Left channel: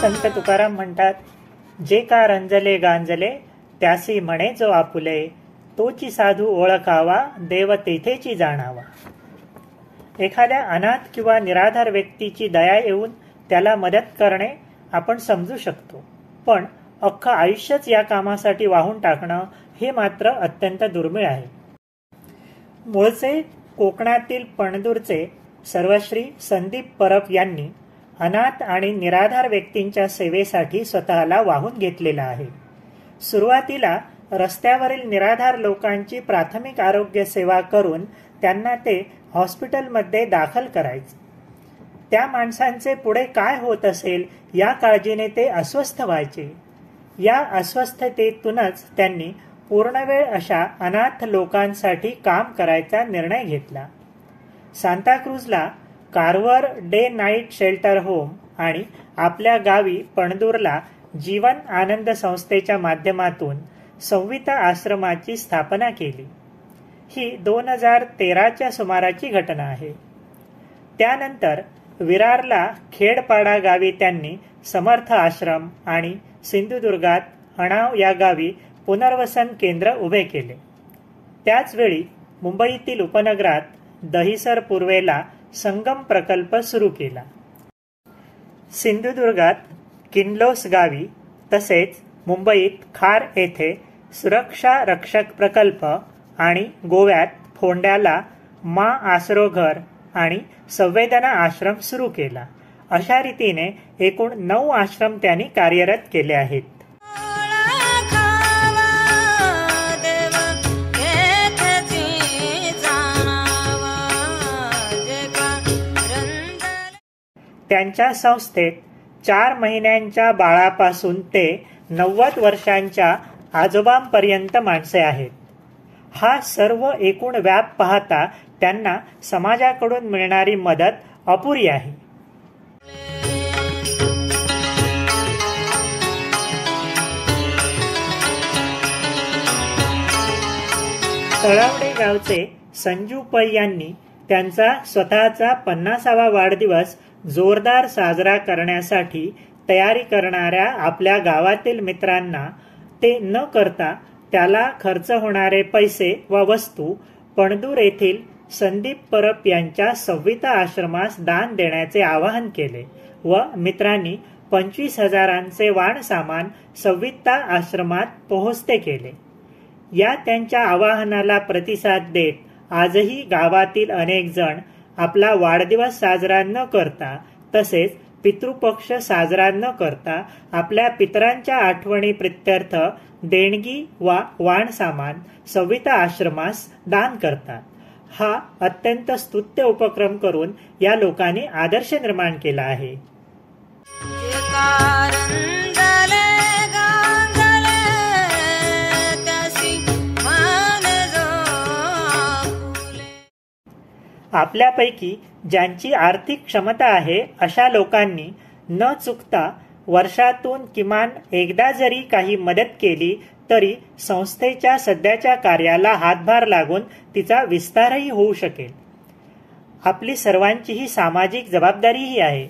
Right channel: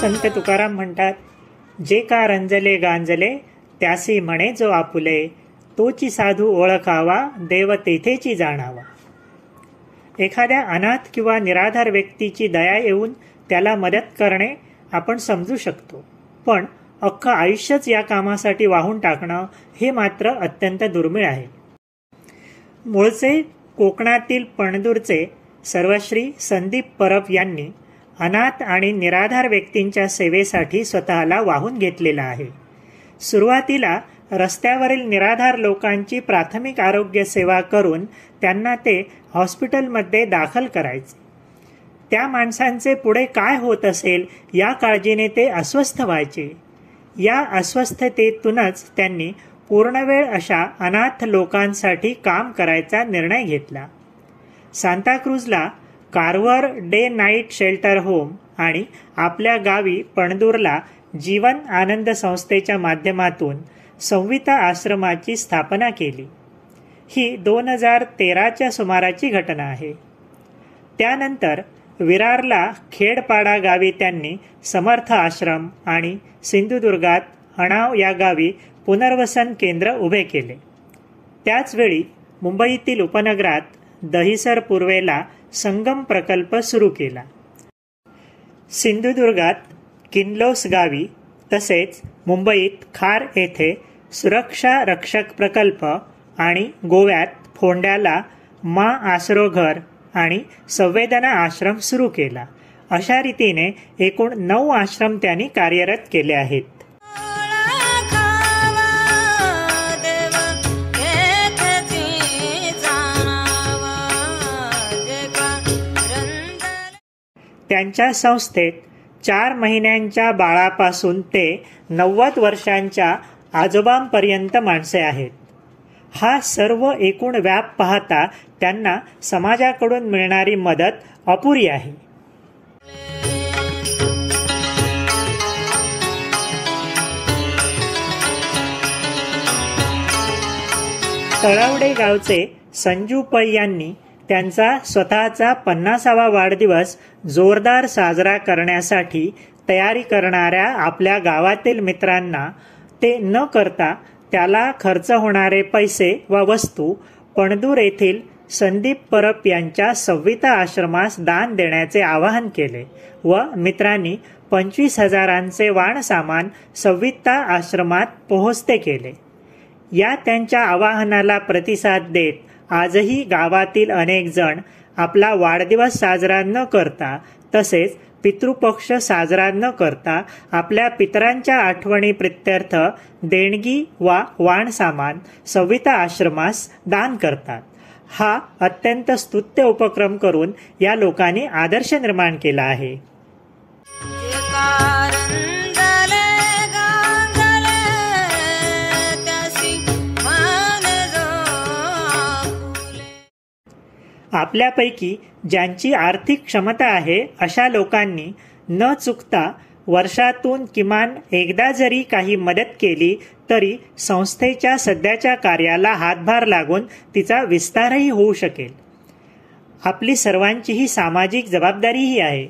संत तुकाराम म्हणतात, जे का रंजले गांजले त्यासी म्हणे जो आपुले, तोची साधू ओळखावा देव तेथेची जाणावा. एखाद्या अनाथ किंवा निराधार व्यक्तीची दया येऊन त्याला मदत करणे आपण समजू शकतो, पण अख्खं आयुष्यच या कामासाठी वाहून टाकणं हे मात्र अत्यंत दुर्मिळ आहे. मूळचे कोकणातील पणदूरचे सर्वश्री संदीप परब यांनी अनाथ आणि निराधार व्यक्तींच्या सेवेसाठी स्वतःला वाहून घेतलेला आहे. सुरुवातीला रस्त्यावरील निराधार लोकांची प्राथमिक आरोग्य सेवा करून त्यांना ते हॉस्पिटलमध्ये दाखल करायचे. त्या माणसांचे पुढे काय होत असेल या काळजीने ते अस्वस्थ व्हायचे. या अस्वस्थतेतूनच त्यांनी पूर्णवेळ अशा अनाथ लोकांसाठी काम करायचा निर्णय घेतला. सांताक्रूजला Carver day night shelter home आणि आपल्या गावी पणदूरला जीवन आनंद संस्थेच्या माध्यमातून संविता आश्रमाची स्थापना केली. ही 2013च्या सुमाराची घटना आहे. त्यानंतर विरारला खेडपाडा गावी त्यांनी समर्थ आश्रम आणि सिंधुदुर्गात हणाव या गावी पुनर्वसन केंद्र उभे केले. त्याचवेळी मुंबईतील उपनगरात दहिसर पूर्वेला संगम प्रकल्प सुरू केला. सिंधुदुर्गात किनलोस गावी तसेच मुंबईत खार येथे सुरक्षा रक्षक प्रकल्प आणि गोव्यात फोंड्याला मा आसरो घर आणि संवेदना आश्रम सुरू केला. अशा रीतीने एकूण 9 आश्रम त्यांनी कार्यरत केले आहेत. त्यांच्या संस्थेत 4 महिन्यांच्या बाळापासून ते 90 वर्षांच्या आजोबांपर्यंत माणसे आहेत. हा सर्व एकूण व्याप पाहता त्यांना समाजाकडून मिळणारी मदत अपुरी आहे. तळावडे गावचे संजू पै यांनी त्यांचा स्वतःचा 50वा वाढदिवस जोरदार साजरा करण्यासाठी तयारी करणाऱ्या आपल्या गावातील मित्रांना ते न करता त्याला खर्च होणारे पैसे व वस्तू पणदूर येथील संदीप परब यांच्या संविता आश्रमास दान देण्याचे आवाहन केले व मित्रांनी 25,000चे वाण सामान संविता आश्रमात पोहोचते केले. या त्यांच्या आवाहनाला प्रतिसाद देत आजही गावातील अनेक जण आपला वाढदिवस साजरा न करता तसेच पितृपक्ष साजरा न करता आपल्या पितरांच्या आठवणी प्रित्यर्थ देणगी वा वाण सामान संविता आश्रमास दान करतात. हा अत्यंत स्तुत्य उपक्रम करून या लोकांनी आदर्श निर्माण केला आहे. आपल्यापैकी ज्यांची आर्थिक क्षमता आहे अशा लोकांनी न चुकता वर्षातून किमान एकदा जरी काही मदत केली तरी संस्थेच्या सध्याच्या कार्याला हातभार लागून तिचा विस्तारही होऊ शकेल. आपली सर्वांची ही सामाजिक जबाबदारीही आहे.